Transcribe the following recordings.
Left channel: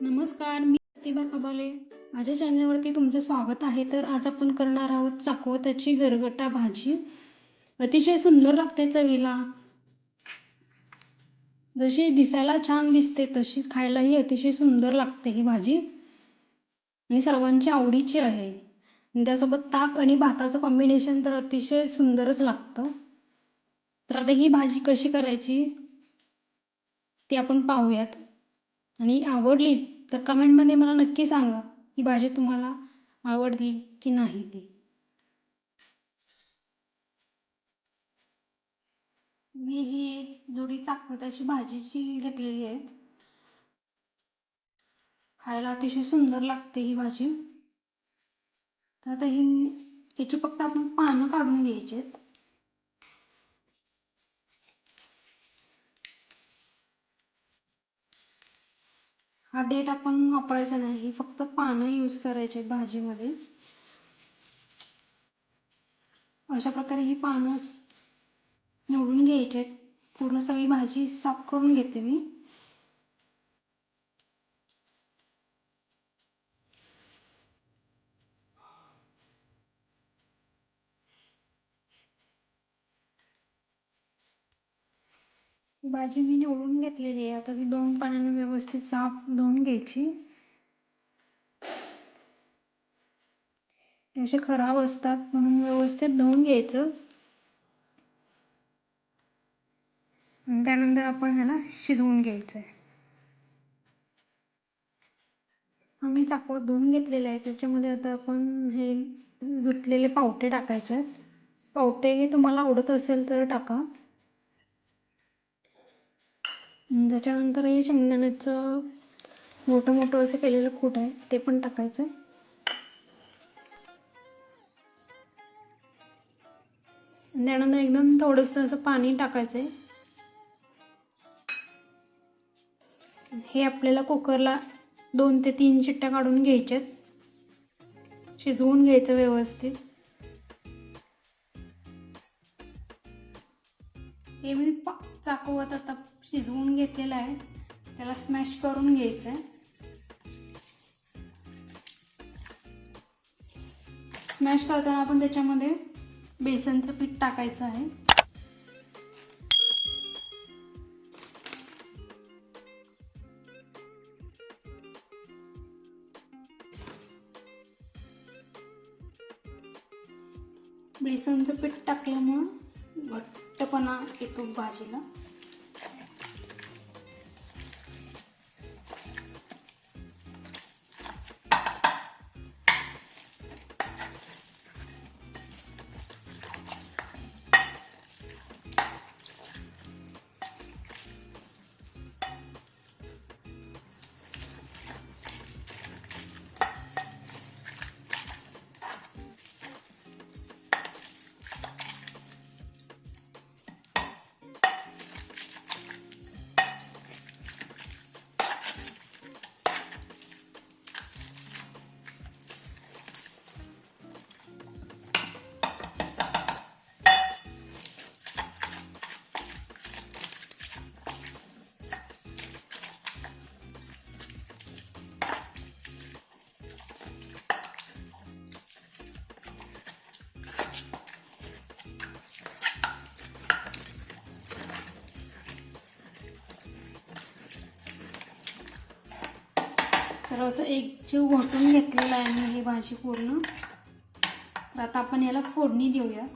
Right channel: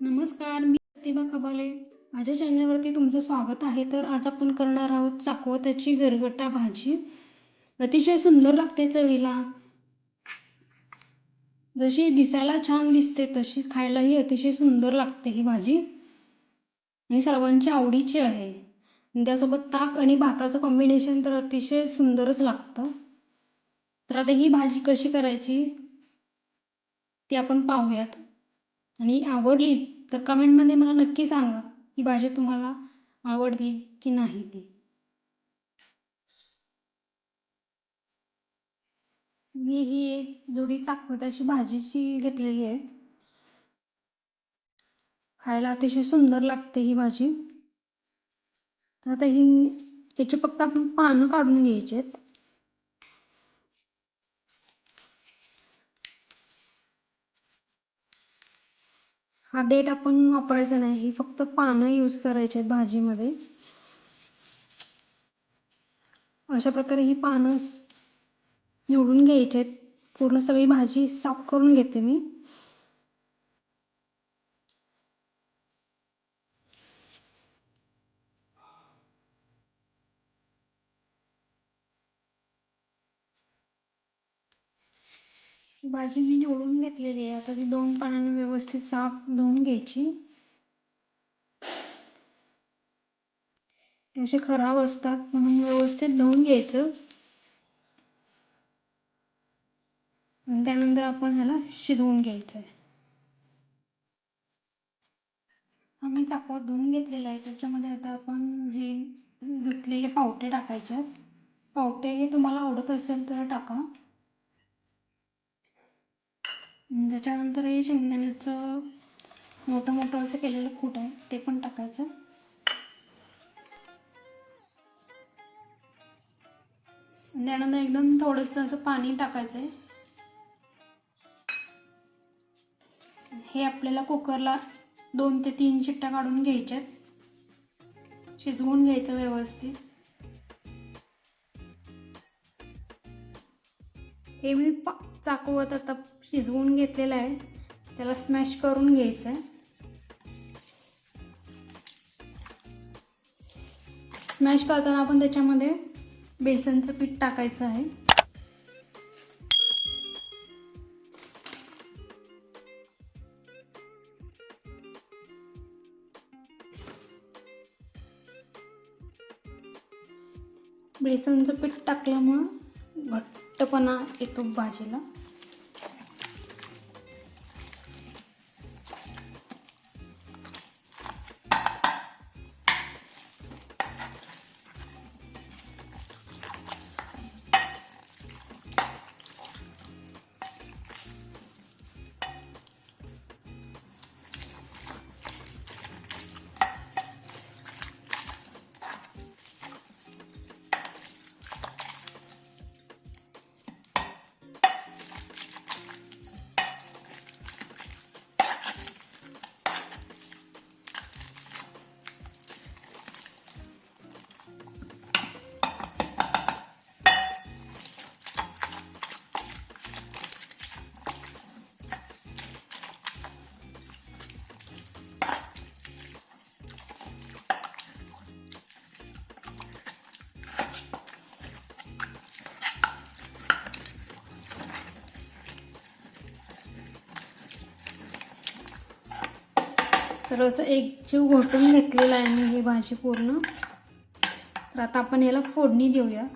नमस्कार मी प्रतिभा कबाले माझ्या चॅनलवरती तुमचं स्वागत आहे. तर आज आपण करणार आहोत चाकवताची गरगटा भाजी. अतिशय सुंदर लागते चवीला. जशी दिसायला छान दिसते तशी खायलाही अतिशय सुंदर लागते ही भाजी. आणि सर्वांची आवडीची आहे. आणि त्यासोबत ताक आणि भाताचं कॉम्बिनेशन तर अतिशय सुंदरच लागतं. तर आता ही भाजी कशी करायची ती आपण पाहूयात. आणि आवडली तर कमेंटमध्ये मला नक्की सांगा ही भाजी तुम्हाला आवडली की नाही ती. मी ही एक जुडी चाकवताची भाजीची घेतलेली आहे. खायला अतिशय सुंदर लागते ही भाजी. तर आता ही त्याची फक्त आपण पानं काढून घ्यायची आहेत. हा देठ आपण वापरायचा नाही ही फक्त पानं यूज करायची आहेत भाजीमध्ये. अशा प्रकारे ही पानं निवडून घ्यायची आहेत. पूर्ण सगळी भाजी साफ करून घेते मी. भाजी मी निवडून घेतलेली आहे. आता ती दोन पाण्याने व्यवस्थित साफ धुवून घ्यायची. असे खराब असतात म्हणून व्यवस्थित धुवून घ्यायचं. त्यानंतर आपण ह्याला शिजवून घ्यायचं आहे आम्ही चाकवत धुवून घेतलेले आहे. त्याच्यामध्ये आता आपण हे धुतलेले पावटे टाकायचे आहेत. पावटे हे तुम्हाला आवडत असेल तर टाका. त्याच्यानंतर हे शेंगदाण्याचं मोठं मोठं असं केलेलं कूट आहे ते पण टाकायचं. त्यानंतर एकदम थोडंसं असं पाणी टाकायचं आहे हे आपल्याला कुकरला दोन ते तीन चिट्ट्या काढून घ्यायच्यात. शिजवून घ्यायचं व्यवस्थित. हे मी पा चाकवत आता शिजवून घेतलेलं आहे. त्याला स्मॅश करून घ्यायचं आहे. स्मॅश करताना आपण त्याच्यामध्ये बेसनचं पीठ टाकायचं आहे. बेसनचं पीठ टाकल्यामुळं घट्टपणा येतो भाजीला. तर असं एक जीव घोटून घेतलेला आहे मी ही भाजी पूर्ण तर आता आपण याला फोडणी देऊया.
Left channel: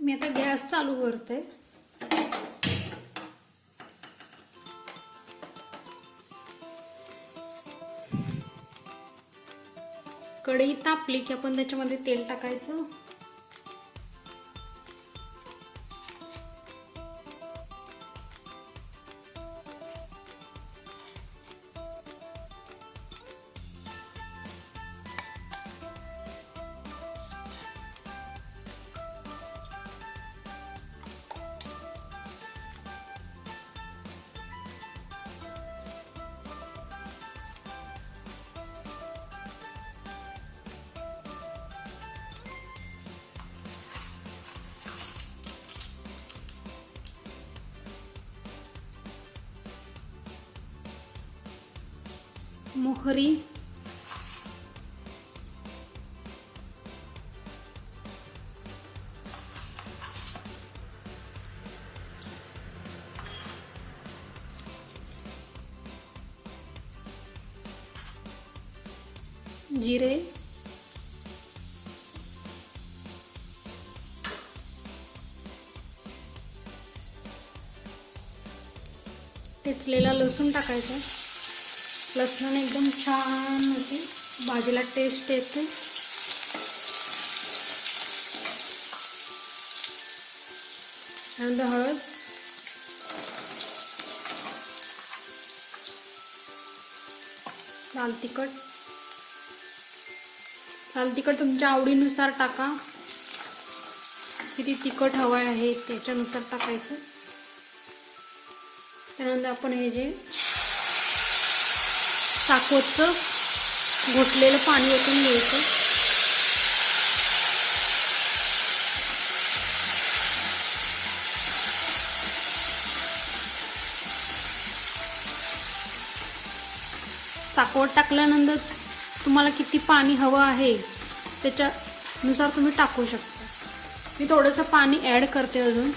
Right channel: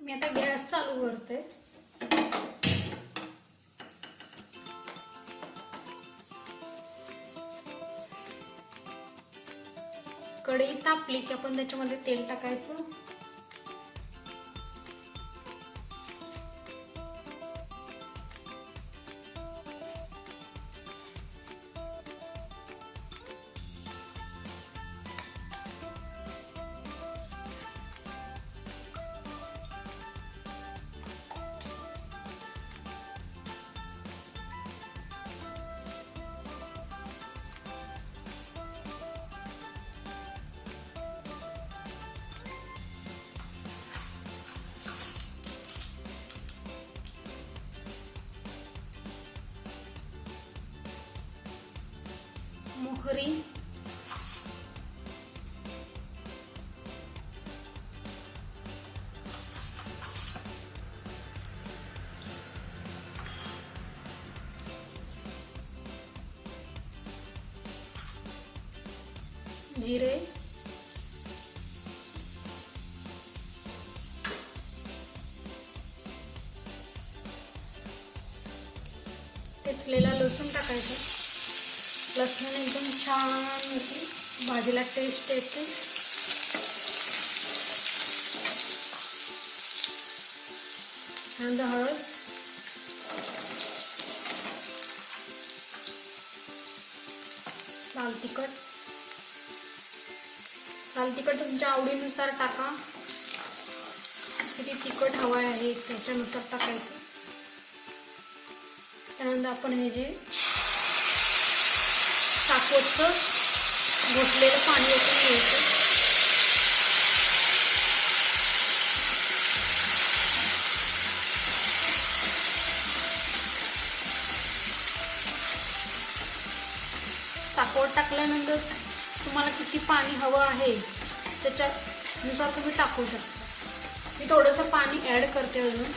मी आता गॅस चालू करते. कढई तापली की आपण त्याच्यामध्ये तेल टाकायचं. मोहरी. जिरे. टेचलेला लसूण टाकायचं. लसणाने एकदम छान भाजीला टेस्ट येते. त्यानंतर हळद. लाल तिखट. लाल तिखट तुमच्या आवडीनुसार टाका. किती तिखट हवं आहे त्याच्यानुसार टाकायचं. त्यानंतर आपण हे जे साखरचं घोटलेलं पाणी ओतून घ्यायचं साखर टाकल्यानंतर तुम्हाला किती पाणी हवं आहे त्याच्यानुसार तुम्ही टाकू शकता. मी थोडंसं पाणी ॲड करते अजून.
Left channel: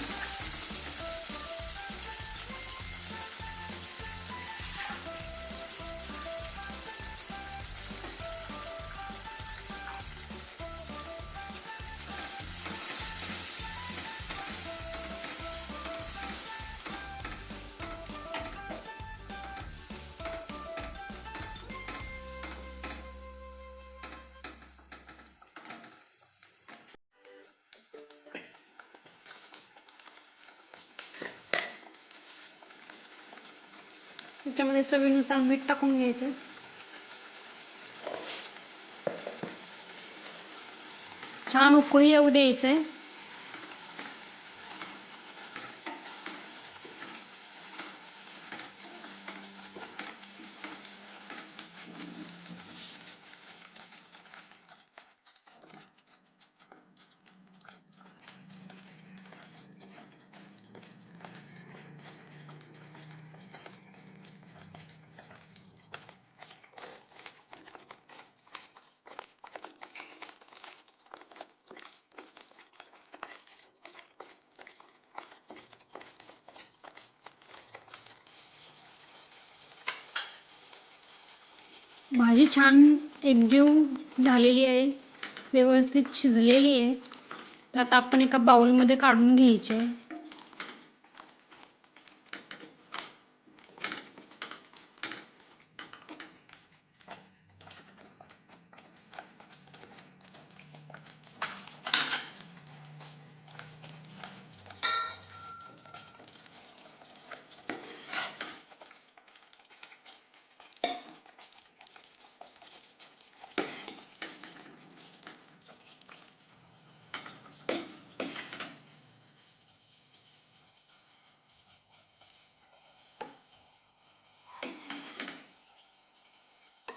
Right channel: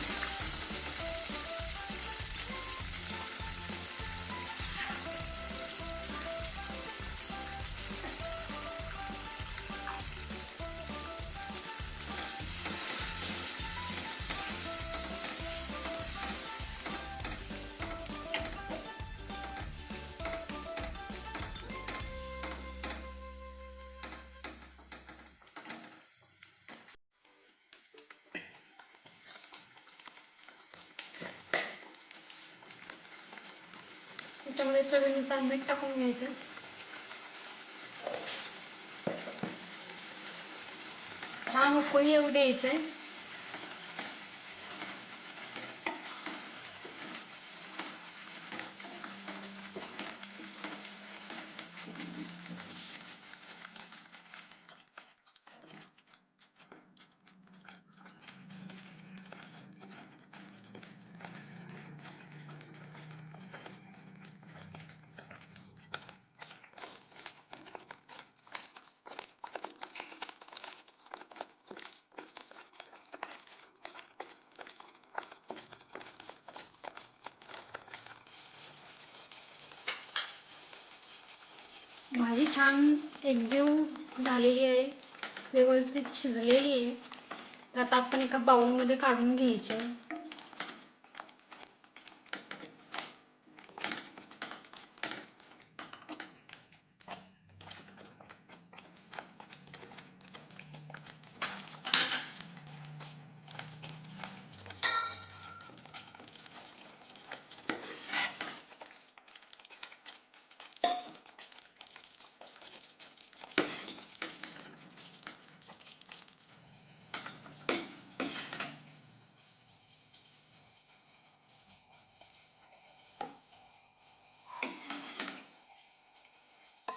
त्याच्यामध्ये चवीनुसार मीठ टाकून घ्यायचं. छान उकळी येऊ द्यायचं आहे भाजी छान एकजीव झालेली आहे व्यवस्थित शिजलेली आहे. तर आता आपण एका बाउलमध्ये काढून घ्यायची.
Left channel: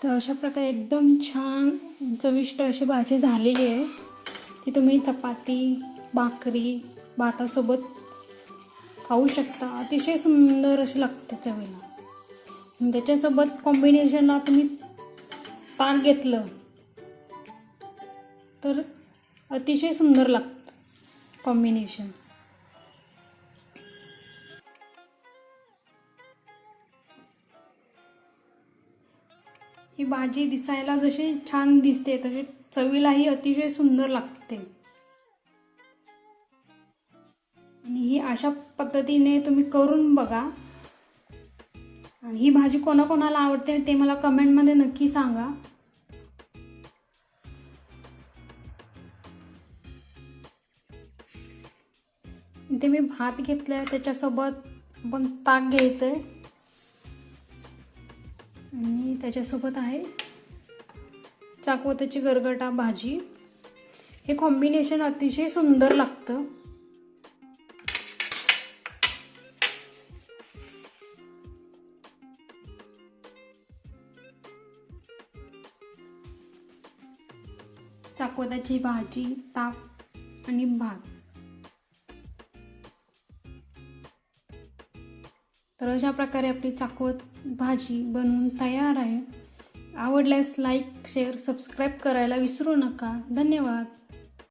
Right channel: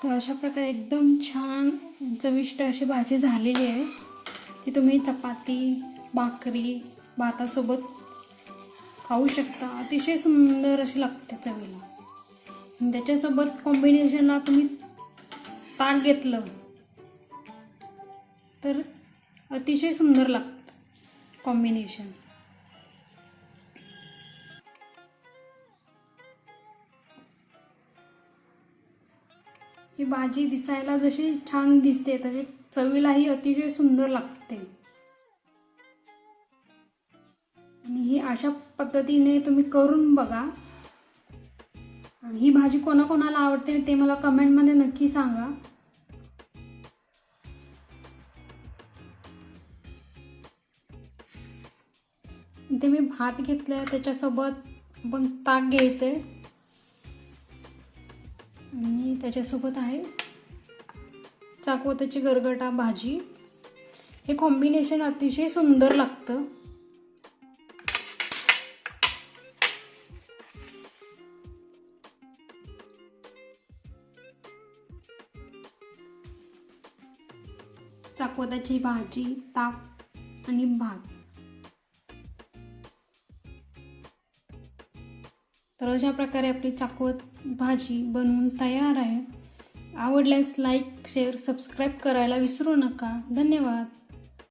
तर अशा प्रकारे एकदम छान चविष्ट अशी भाजी झालेली आहे. ती तुम्ही चपाती भाकरी भातासोबत खाऊ शकता. अतिशय सुंदर अशी लागते चवीला. त्याच्यासोबत कॉम्बिनेशनला तुम्ही ताक घेतलं तर अतिशय सुंदर लागतं कॉम्बिनेशन ही भाजी दिसायला जशी छान दिसते तशी चवीलाही अतिशय सुंदर लागते. आणि ही अशा पद्धतीने तुम्ही करून बघा. आणि ही भाजी कोणाकोणाला आवडते ते मला कमेंटमध्ये नक्की सांगा. इथे मी भात घेतलाय त्याच्यासोबत पण ताक घ्यायचंय. आणि त्याच्यासोबत आहे चाकवताची गरगटा भाजी. हे कॉम्बिनेशन अतिशय सुंदर लागतं. चाकवताची भाजी ताक आणि भात. तर अशा प्रकारे आपली चाकवत भाजी बनवून तयार आहे. आवडल्यास लाईक शेअर सबस्क्राईब करायला विसरू नका. धन्यवाद.